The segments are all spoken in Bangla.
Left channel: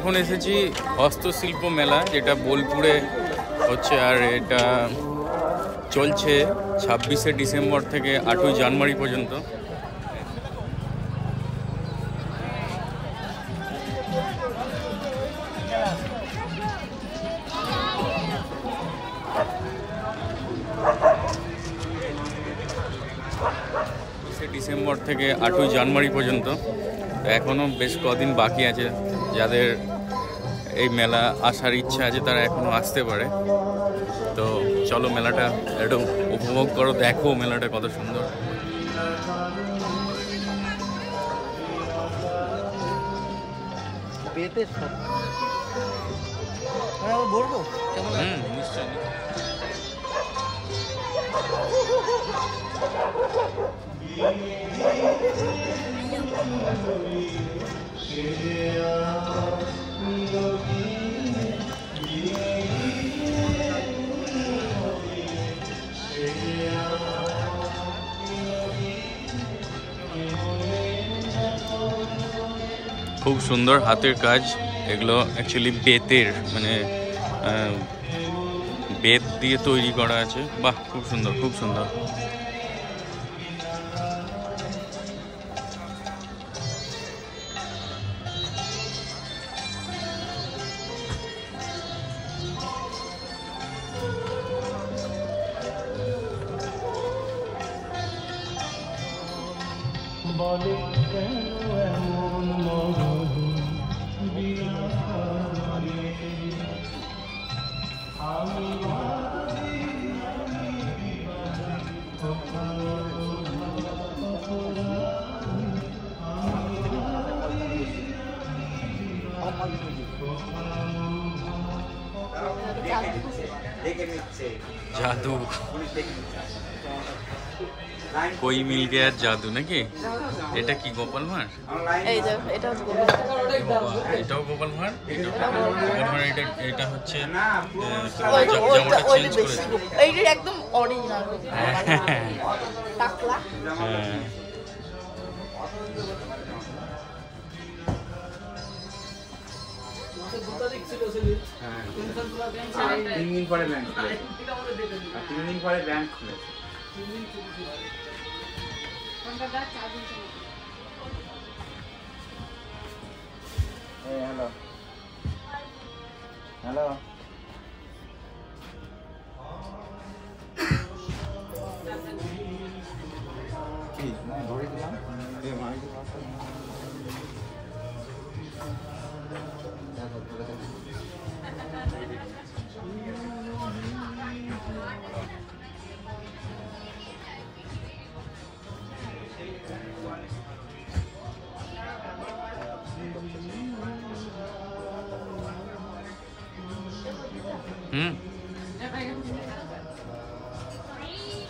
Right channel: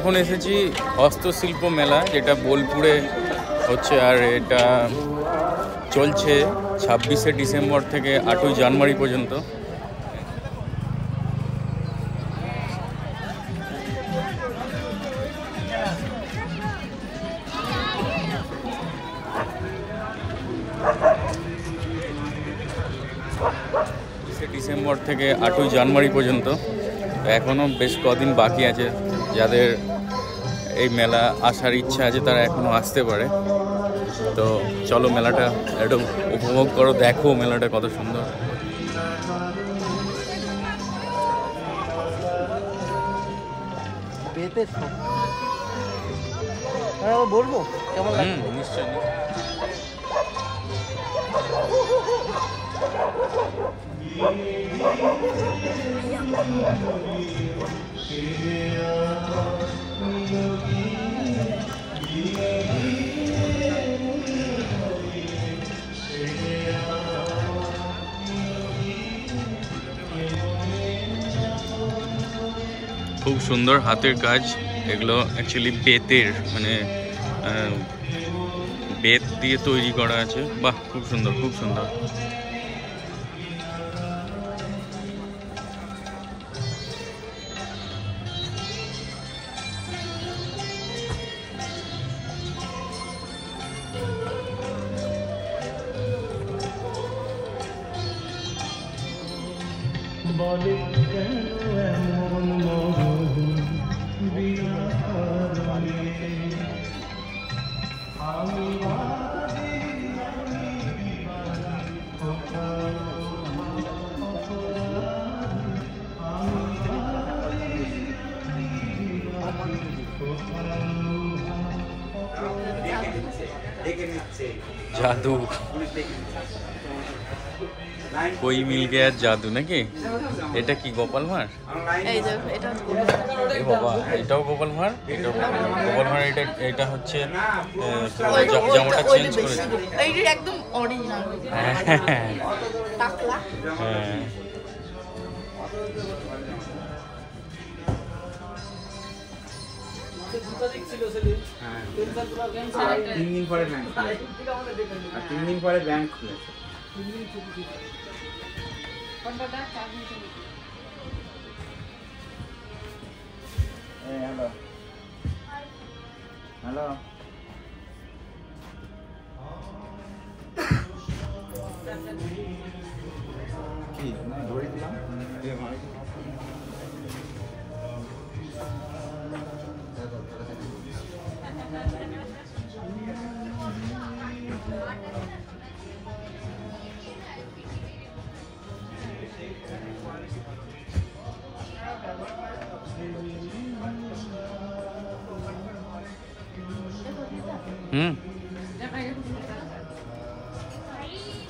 এখন এসেছি হস্তশিল্প মেলা, যেটা বোলপুরে হচ্ছে, আর এটা চলছে 26শে ডিসেম্বর থেকে 8ই জানুয়ারি পর্যন্ত। ডিসেম্বর থেকে 8ই জানুয়ারি পর্যন্ত এখনও বেশ কদিন বাকি আছে। যাদের এই মেলা আসার ইচ্ছা আছে তারা এখনও আসতে পারে। তো চলো মেলাটা একটু উপভোগ করো, দেখো মেলাটা কত সুন্দর। নিশ্চয়ই। খুব সুন্দর হাতের কাজ এগুলো, অ্যাকচুয়ালি বেতের, মানে বেত দিয়ে তৈরি করা আছে। বাহ, খুব সুন্দর, খুব সুন্দর। জাদু, কই মিল গিয়া জাদু নাকি? এটা কি গোপাল ভাঁড়? এই বাবা, এটাও গোপাল ভাঁড়, এটাও গোপাল ভাঁড়। এটা হচ্ছে জামাটা চেঞ্জ করেছে। হ্যাঁ, তিন দিন পরে ব্যাংক খুলেছে। হ্যালো হ্যালো,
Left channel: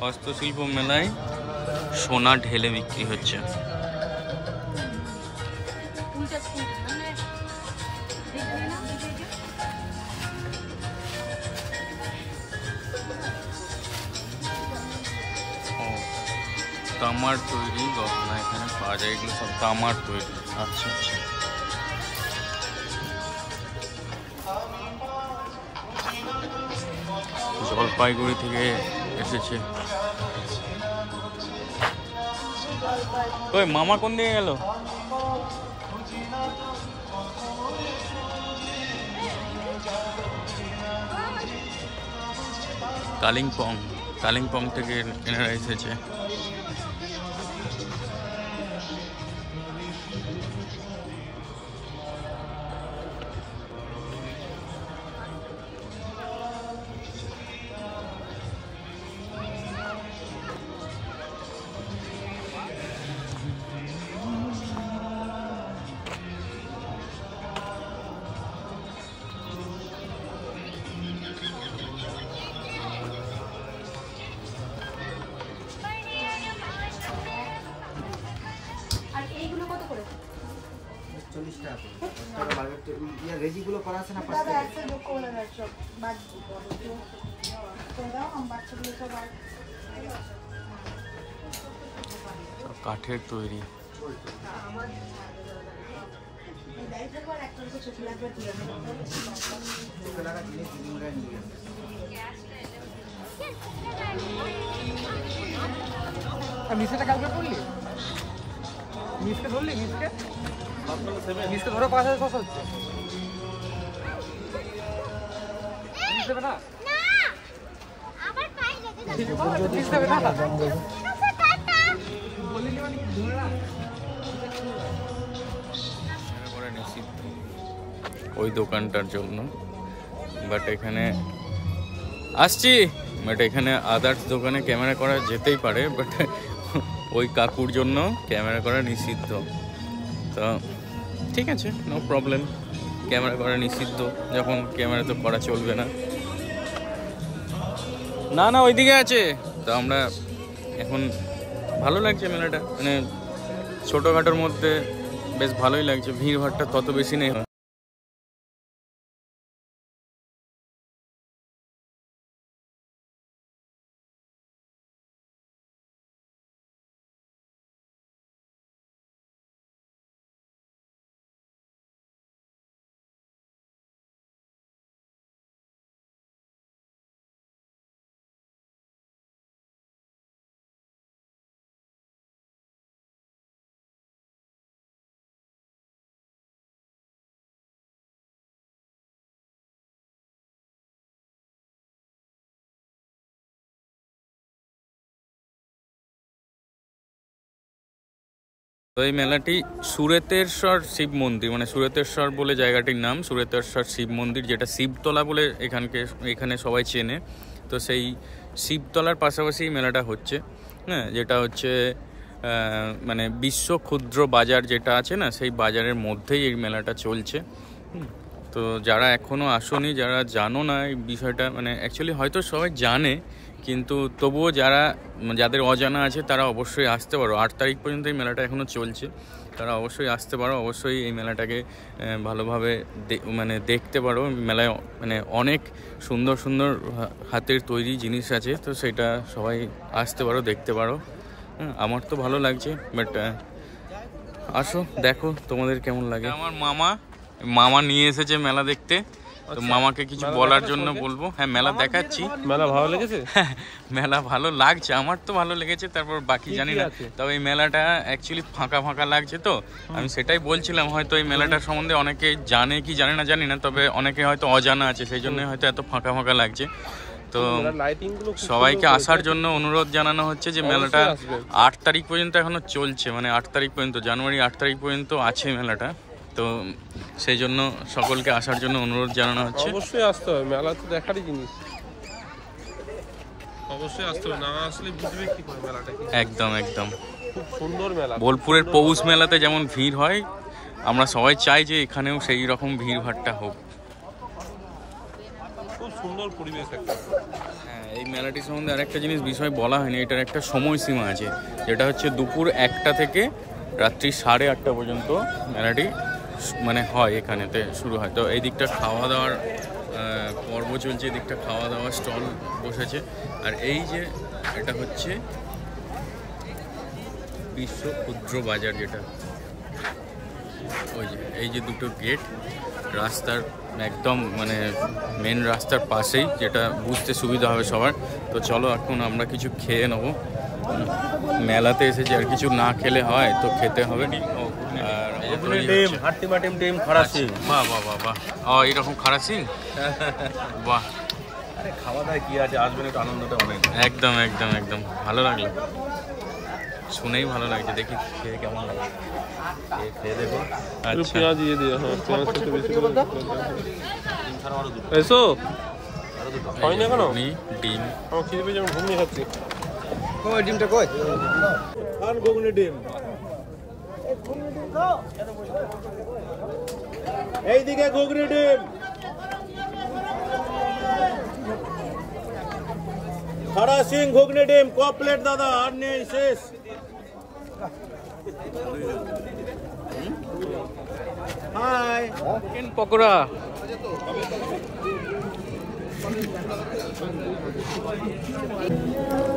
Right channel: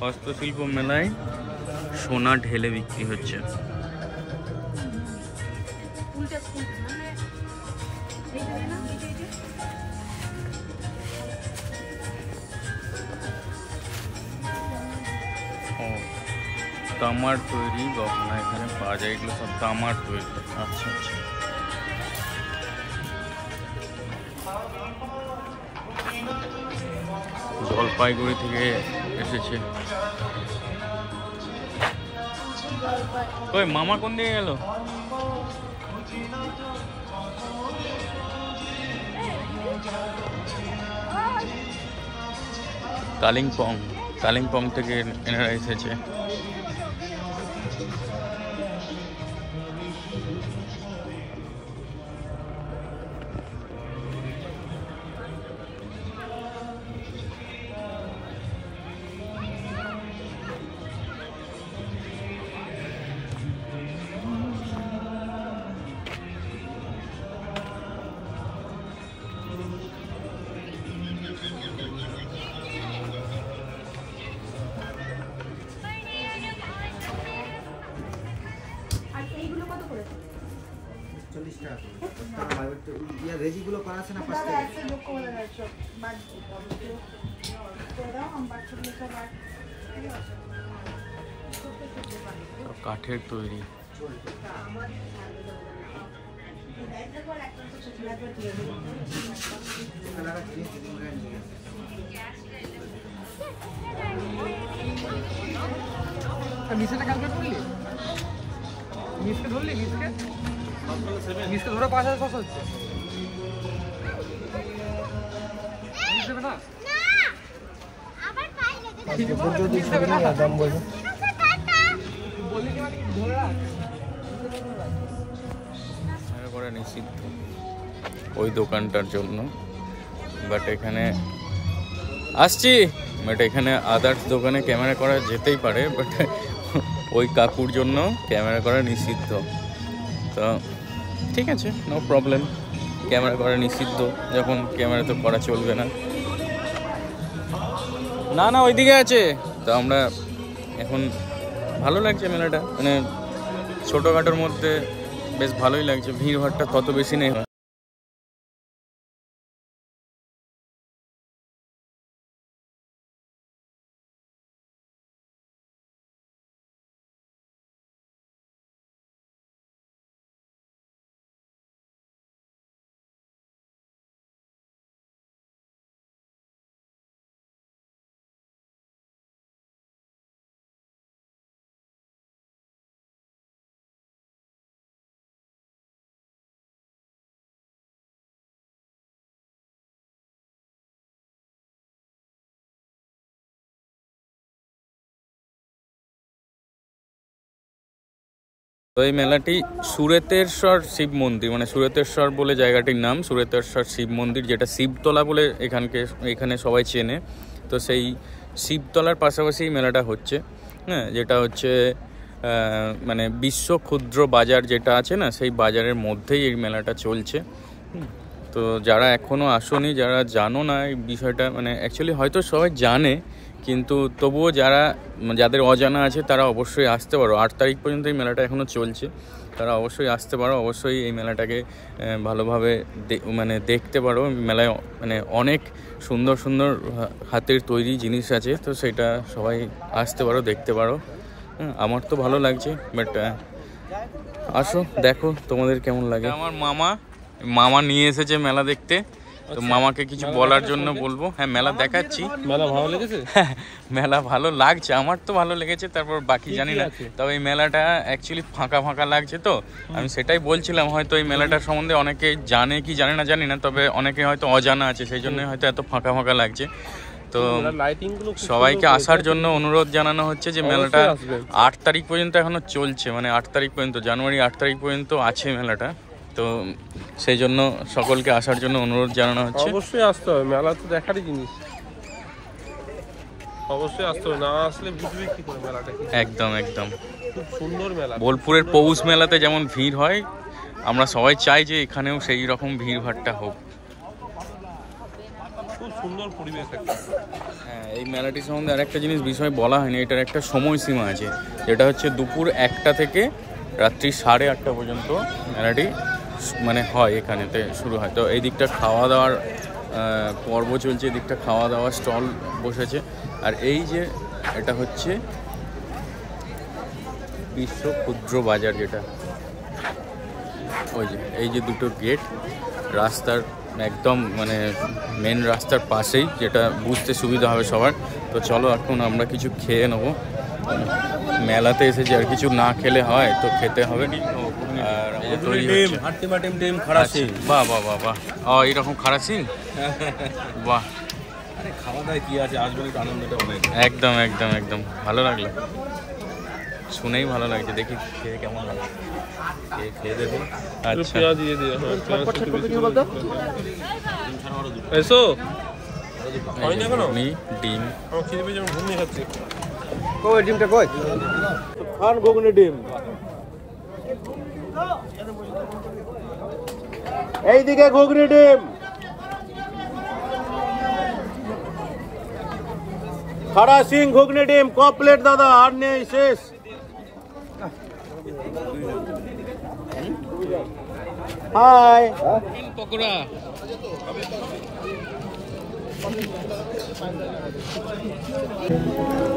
হস্তশিল্প মেলায় সোনা ঢেলে বিক্রি হচ্ছে। তামার তৈরি গহনা এখানে পাওয়া যায়, এগুলো সব তামার তৈরি। আচ্ছা আচ্ছা, জলপাইগুড়ি থেকে এসেছে। ওই মামা কোন দিকে গেল? কালিম্পং থেকে এনারা এসেছে। রেজিগুলো করা আছে না? কাঠের তৈরি। মিসকে কালকে পড়লি? মিসকে ধরলি? মিসকে ধরে ৫,০০০ কত হচ্ছে? না আবার পাই পরে নিষিদ্ধ ওই দোকানটার জন্য, বাট এখানে আসছি, বাট এখানে আদার্স দোকানে ক্যামেরা করা যেতেই পারে, বাট ওই কাকুর জন্য ক্যামেরা করা নিষিদ্ধ। তো ঠিক আছে, নো প্রবলেম, ক্যামেরা করা নিষিদ্ধ যখন, ক্যামেরা তো করা চলবে না। না না ওইদিকে আছে। তো আমরা এখন ভালো লাগছে মেলাটা, মানে ছোটোখাটোর মধ্যে বেশ ভালোই লাগছে, ভিড় ভাড়টা তত বেশি নেই। তো এই মেলাটি সুরেতেশ্বর শিব মন্দির, মানে সুরেতেশ্বর বলে জায়গাটির নাম, সুরেতেশ্বর শিব মন্দির, যেটা শিবতলা বলে এখানে সবাই চেনে। তো সেই শিবতলার পাশাপাশি মেলাটা হচ্ছে, হ্যাঁ, যেটা হচ্ছে মানে বিশ্ব ক্ষুদ্র বাজার যেটা আছে না, সেই বাজারের মধ্যেই এই মেলাটা চলছে। তো যারা এখনও আসোনি, যারা জানো না এই বিষয়টা, মানে অ্যাকচুয়ালি হয়তো সবাই জানে, কিন্তু তবুও যাদের অজানা আছে তারা অবশ্যই আসতে পারো। 8 তারিখ পর্যন্ত এই মেলাটা এখনও চলছে, তারা অবশ্যই আসতে পারো, অবশ্যই এই মেলাটাকে ভালোভাবে মানে দেখতে পারো। মেলায় মানে অনেক সুন্দর সুন্দর হাতের তৈরি জিনিস আছে, তো সেটা সবাই আসতে পারো, দেখতে পারো। আমার তো ভালো লাগছে, বাট আসো দেখো তোমাদের কেমন লাগে। আমার মামা নিয়ে এসেছে মেলা দেখতে, তো মামাকে কিছু বলার জন্য বলবো। হ্যাঁ, মেলা দেখাচ্ছি। মেলা ভালো লেগেছে? মেলা ভালো লাগছে, আমার তো ভালো লেগেছে, তারপর বাকি জানি না। তবে এই মেলাটা অ্যাকচুয়ালি ফাঁকা ফাঁকা লাগছে, তো আমি সেটাই বলছিলাম, হয়তো এই মেলাটার সম্বন্ধে অনেকে জানে কি জানে না জানি না, তবে অনেকে হয়তো অজানা আছে, সেই জন্যই হয়তো এত ফাঁকা ফাঁকা লাগছে। তো সবাইকে আসার জন্য অনুরোধ জানানো হচ্ছে যে মেলাটা 8 তারিখ পর্যন্ত এখনো চলছে, মানে 8 তারিখ পর্যন্ত, জানুয়ারি 8 তারিখ পর্যন্ত আছে মেলাটা। তো সেই জন্য সকলকে আসার জন্য অনুরোধ জানানো হচ্ছে। অবশ্যই আসতে হবে, মেলা তো দেখারই জিনিস, অবশ্যই আসতে হবে, না আসলে বুঝবে কি করে মেলাটা কি। একদম একদম, খুব সুন্দর মেলা। বোলপুরের পৌষ মেলাতে যেমন ভিড় হয়, আমরা সবাই চাই যে এখানেও সেই রকম ভিড় ভাড়টা হোক। খুব সুন্দর পরিবেশ একটা। হ্যাঁ, এই মেলাটি সম্বন্ধে আরেকটা জিনিস বিষয় বলা হয়নি, এটার একটা সময়সীমা আছে, যেটা হচ্ছে দুপুর 1টা থেকে রাত্রি 8:30 পর্যন্ত মেলাটি মানে হয়, এখানেতে শুরু হয়। তো এই দিকটা খাওয়া দাওয়ার পর্ব চলছে, এই দিকটা খাওয়া দাওয়ার স্টল বসেছে। আর এই যে এটা হচ্ছে বিশ্ব ক্ষুদ্র বাজার, যেটা ওই যে এই যে দুটো গেট রাস্তার একদম মানে মেন রাস্তার পাশেই, যেটা বুঝতে সুবিধা হবে সবার। তো চলো এখন আমরা কিছু খেয়ে নেবো, মেলাতে এসেছি, আর কিছু না খেলে হয়, তো খেতে হবে। বাহ বাহ বাহ বাহ, এইরকম খারাসিং, বাহ। আরে খাওয়া দাওয়া কি আছে, আসবেন একটু, আনন্দটা অনেক। একদম একদম একদম, ভালো লাগলো, শুনেই ভালো লাগছে, দেখি খেয়ে কেমন লাগে, খেয়ে দেখুন। আচ্ছা এসো, ডিম, ঘুমিয়ে খাচ্ছি। ডিমটা কই খান, ঘুগনি ডিম এইদিকে, ঘুগনি ডিম খাড়া সিং, ঘুগনি ডিম ক প্লেট দাদা, আর নেই, শেষ। Hi, chicken pakora,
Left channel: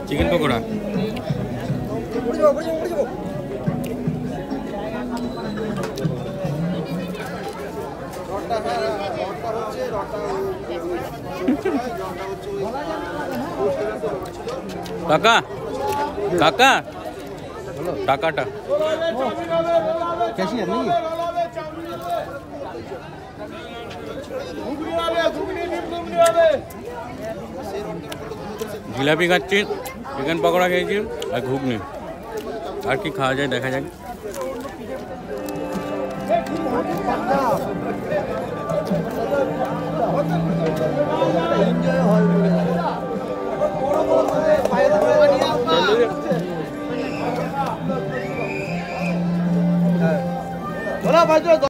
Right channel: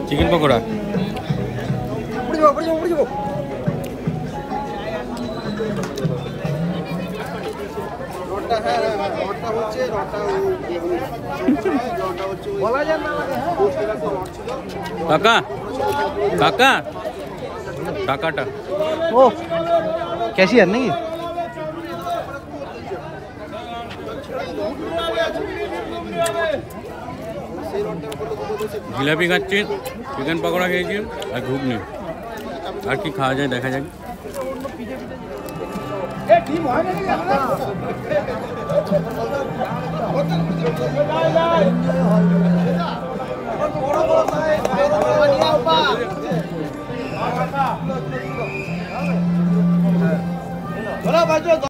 chicken pakora. কাকা কাকা টাকাটা ও ক্যাশিয়ার নাকি? জিলাপি খাচ্ছি, চিকেন পকোড়া খেয়েছি আর ঘুগনি। আর কি খাওয়া যায় দেখা যাক।